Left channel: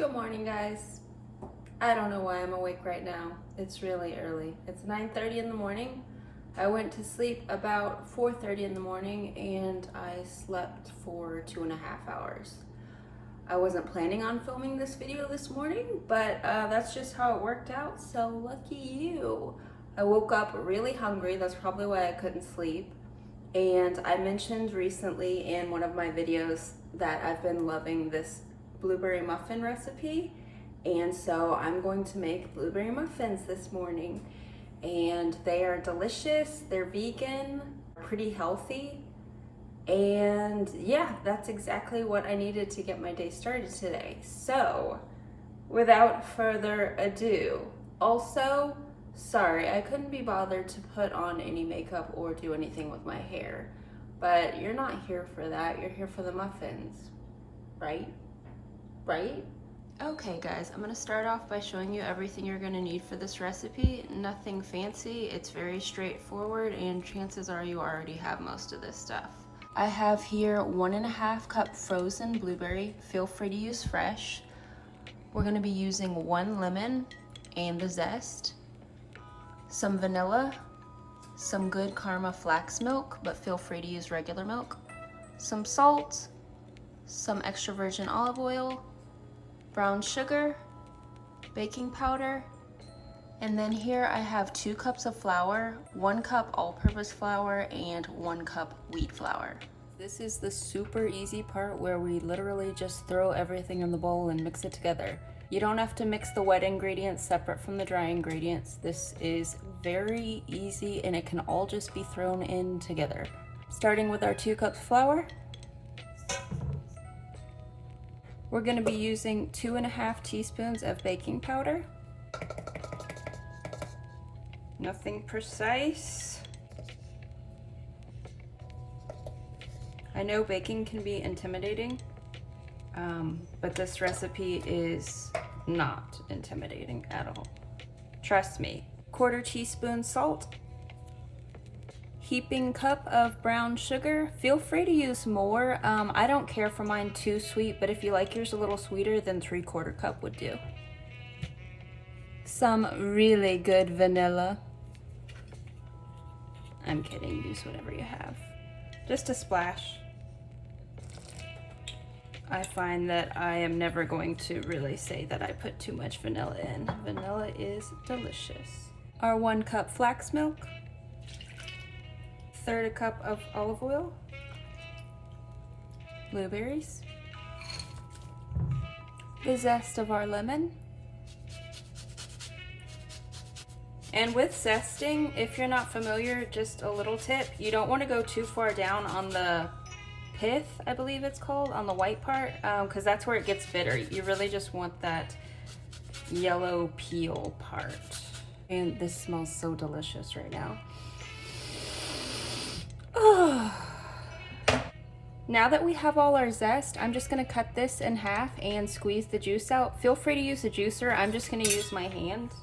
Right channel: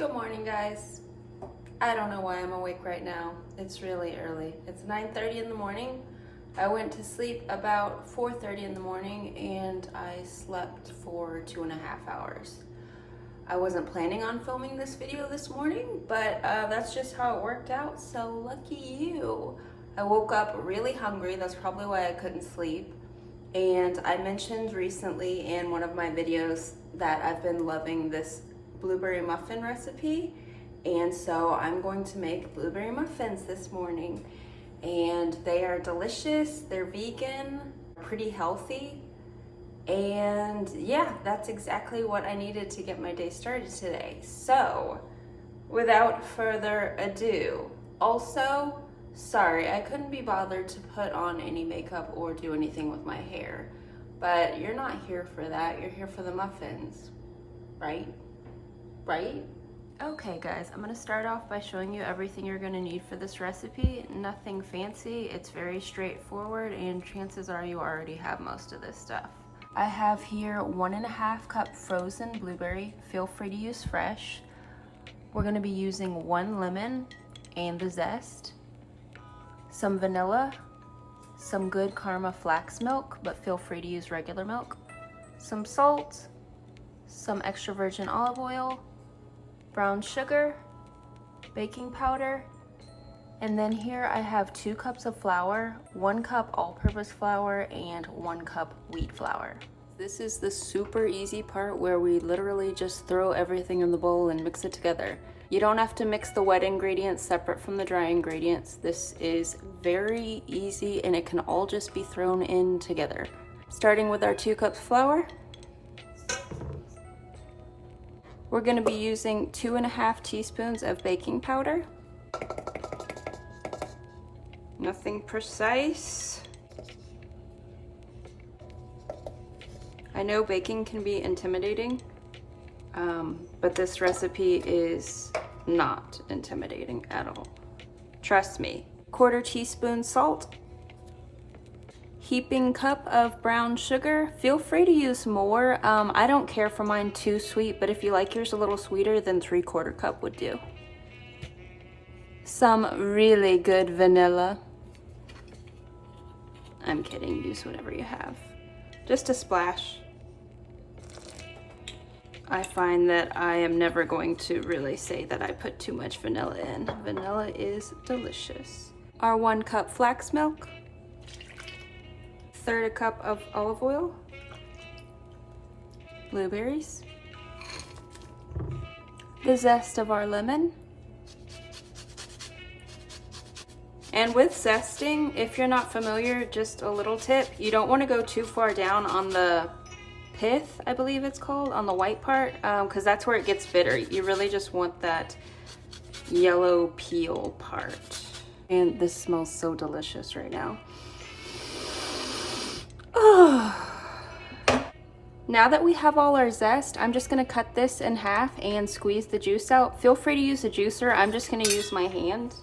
Good morning, guys. I don't know why I'm awake right now. It's really early. It's 9:30 in the morning. I went to sleep about 4:30 in the morning and I slept for 2.5 hours. I wasn't planning on filming this video this morning, but that's just how it worked out, so lucky you. I woke up really hungry. That's probably why I couldn't sleep. And I mentioned recently in one of my videos that I've been loving this blueberry muffin recipe, and so I'm going to make blueberry muffins this morning. And they are delicious, they're vegan, pretty healthy, and yeah, that's exactly what I needed to get my day started today. So without further ado, also, sorry, I couldn't be bothered to put on any makeup or do anything with my hair, but you're not here for that. You're here for the muffins, right? Right? Okay guys, I'm gonna start off by showing you everything you're gonna need for this recipe. Nothing fancy, it's very straightforward, and chances are you already have most of this stuff. I have here 1.5 cup frozen blueberry. Feel free to use fresh. We're gonna be using 1 lemon and the zest, some vanilla, some good Karma flax milk, but feel free to use regular milk, some salt, some extra virgin olive oil, brown sugar, baking powder, and then here I have 2 cups of flour, 1 cup all-purpose flour, and 1 cup wheat flour. This is the super easy part where we literally just throw everything in the bowl and mix it together. You don't have to mix the wet ingredients separate from the dry ingredients. This is very easy and it can all just be thrown in together. Starting with our 2 cups flour, we're going to be using 2.5 teaspoons of baking powder. Nothing precise. I know baking can be intimidating, but this recipe is not intimidating at all. Trust me. 1/4 teaspoon salt. Heaping cup of brown sugar. Feel free to use more. I don't care for mine too sweet, but if you like yours a little sweeter, then 3/4 cup would do. Some really good vanilla. I'm kidding, use whatever you have. Just a splash. I find that I am never going to really say that I put too much vanilla in. Vanilla is delicious. Our 1 cup flax milk. 1/3 cup of olive oil, blueberries, the zest of our lemon. And with zesting, if you're not familiar, just a little tip, you don't want to go too far down on the pith, I believe it's called, on the white part, because that's where it gets bitter. You really just want that yellow peel part. And this smells so delicious right now. Now that we have all our zest, I'm just gonna cut this in half and squeeze the juice out. Feel free to use a juicer. I'm just gonna use my hand.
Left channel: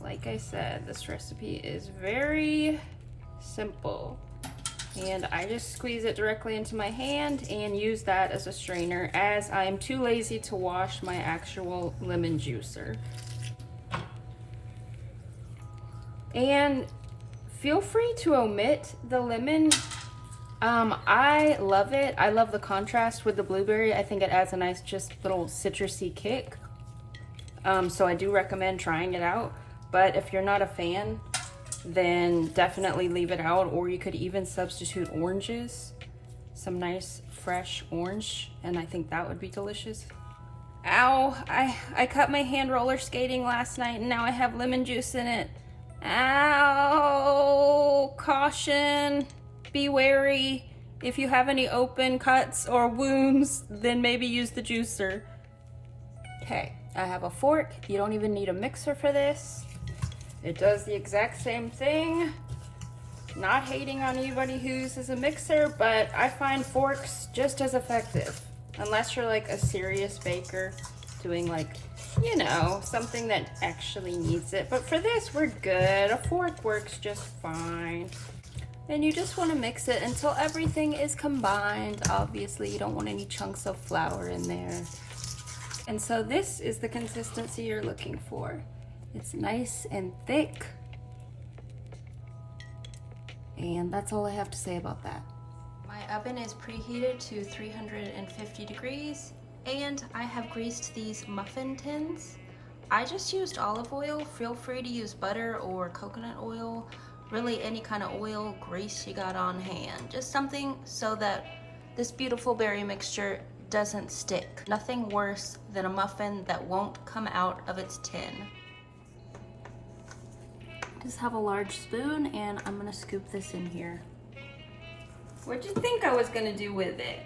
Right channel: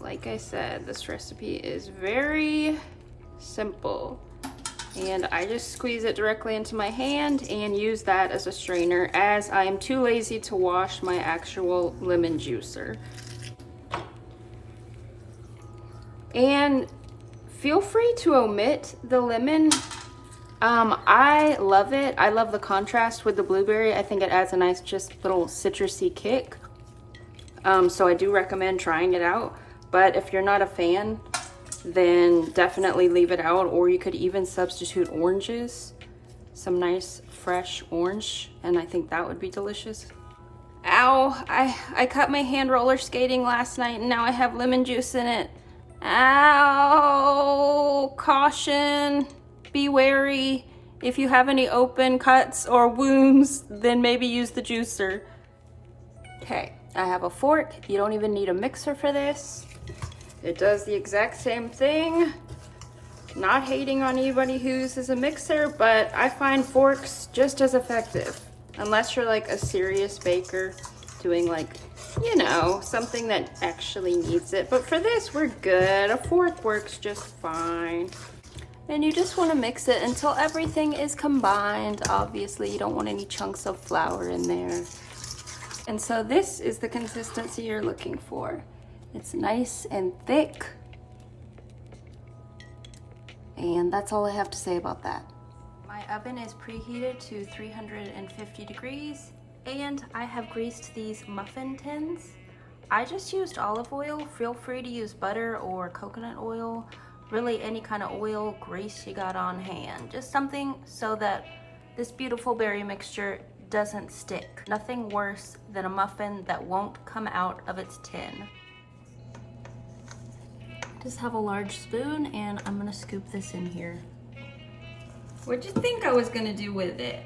Like I said, this recipe is very simple. And I just squeeze it directly into my hand and use that as a strainer, as I am too lazy to wash my actual lemon juicer. And feel free to omit the lemon. I love it. I love the contrast with the blueberry. I think it adds a nice just little citrusy kick. So I do recommend trying it out. But if you're not a fan, then definitely leave it out, or you could even substitute oranges. Some nice fresh orange, and I think that would be delicious. Ow, I cut my hand roller skating last night and now I have lemon juice in it. Ow, caution, be wary. If you have any open cuts or wounds, then maybe use the juicer. Okay, I have a fork. You don't even need a mixer for this. It does the exact same thing. Not hating on anybody who uses a mixer, but I find forks just as effective. Unless you're like a serious baker doing like, you know, something that actually needs it. But for this, we're good. A fork works just fine. And you just want to mix it until everything is combined. Obviously, you don't want any chunks of flour in there. And so this is the consistency you're looking for. It's nice and thick. And that's all I have to say about that. My oven is preheated to 350 degrees, and I have greased these muffin tins. I just used olive oil. Feel free to use butter or coconut oil, really any kind of oil, grease you got on hand. Just something so that this beautiful berry mixture doesn't stick. Nothing worse than a muffin that won't come out of its tin. Just have a large spoon, and I'm gonna scoop this in here. What'd you think I was gonna do with it?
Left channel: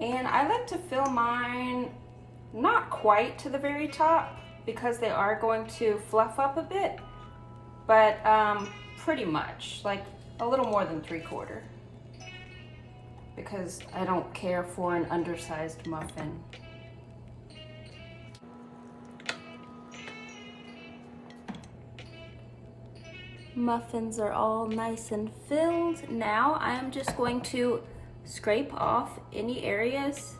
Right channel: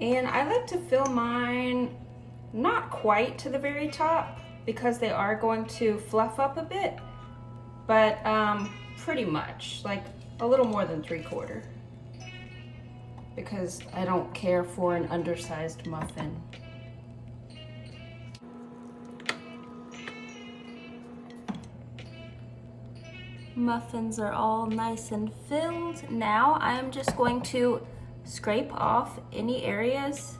And I like to fill mine not quite to the very top because they are going to fluff up a bit, but pretty much, like a little more than 3/4, because I don't care for an undersized muffin. Muffins are all nice and filled. Now I'm just going to scrape off any areas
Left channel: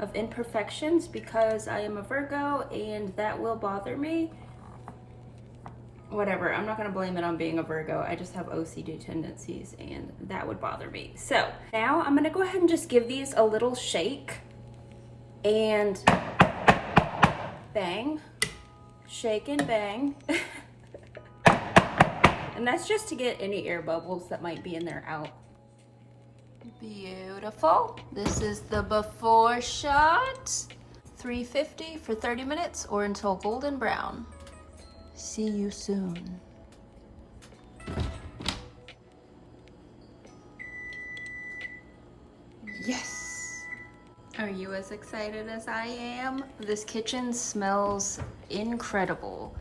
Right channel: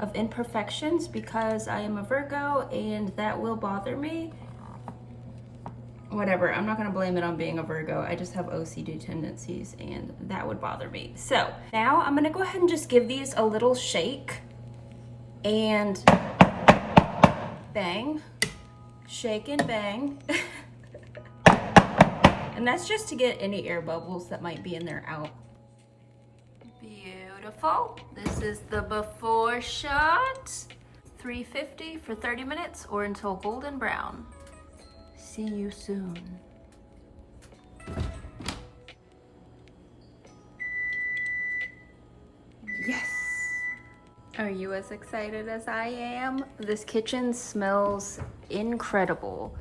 of imperfections because I am a Virgo and that will bother me. Whatever, I'm not gonna blame it on being a Virgo. I just have OCD tendencies and that would bother me. So now I'm gonna go ahead and just give these a little shake and bang, shake and bang. And that's just to get any air bubbles that might be in there out. Beautiful. This is the before shot. 350 for 30 minutes or until golden brown. See you soon. Yes. Are you as excited as I am? This kitchen smells incredible.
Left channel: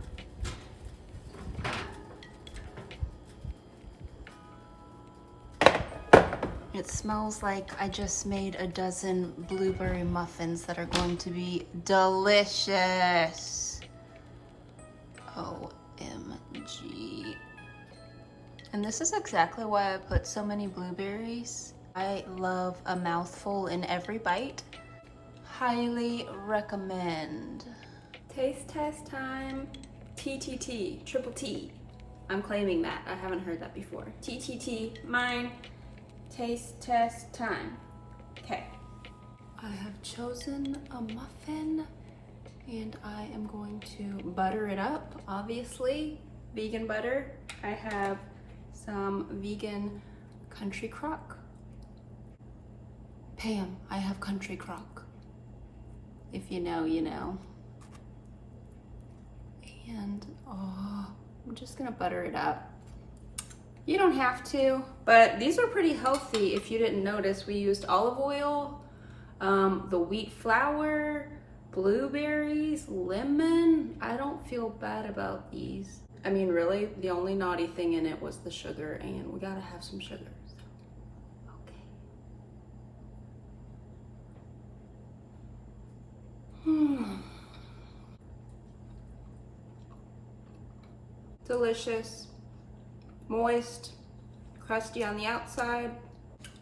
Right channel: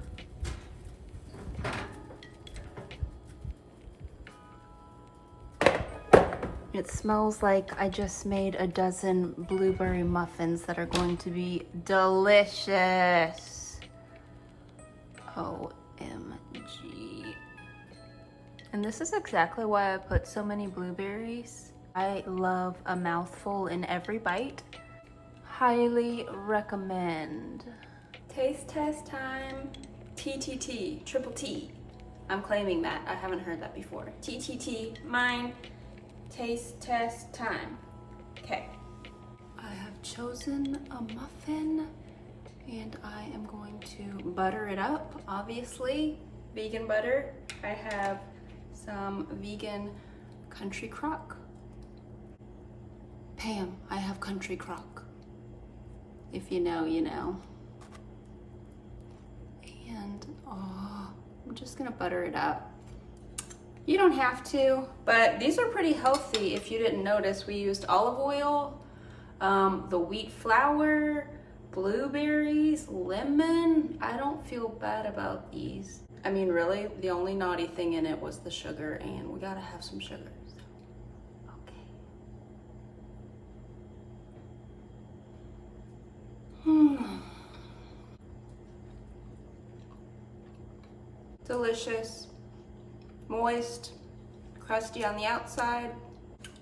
It smells like I just made a dozen blueberry muffins that are going to be delicious. OMG. And this is exactly why I put so many blueberries. I love a mouthful in every bite. Highly recommend. Taste test time. TTT, triple T. I'm claiming that. I haven't heard that before. TTT, mine. Taste test time. Okay. I have chosen a muffin and I am going to butter it up, obviously. Vegan butter. I have some vegan country crock. Pam, I have country crock. If you know, you know. And I'm just gonna butter it up. You don't have to, but these are pretty healthy. If you didn't notice, we used olive oil, the wheat flour, blueberries, lemon. I don't feel bad about these. I mean, really, the only naughty thing in it was the sugar, and we gotta have some sugar. So, okay. Delicious. Moist, crusty on the outside,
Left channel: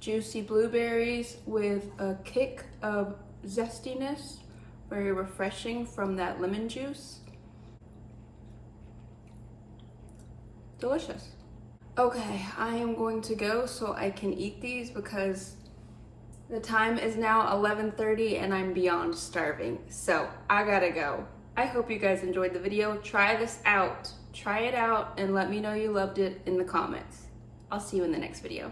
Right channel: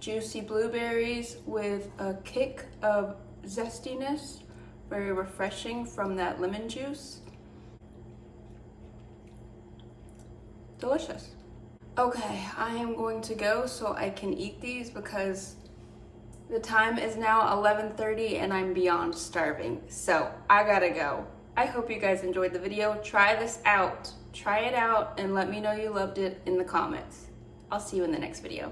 juicy blueberries with a kick of zestiness, very refreshing from that lemon juice. Delicious. Okay, I am going to go so I can eat these because the time is now 11:30 and I'm beyond starving. So I gotta go. I hope you guys enjoyed the video. Try this out. Try it out and let me know you loved it in the comments. I'll see you in the next video.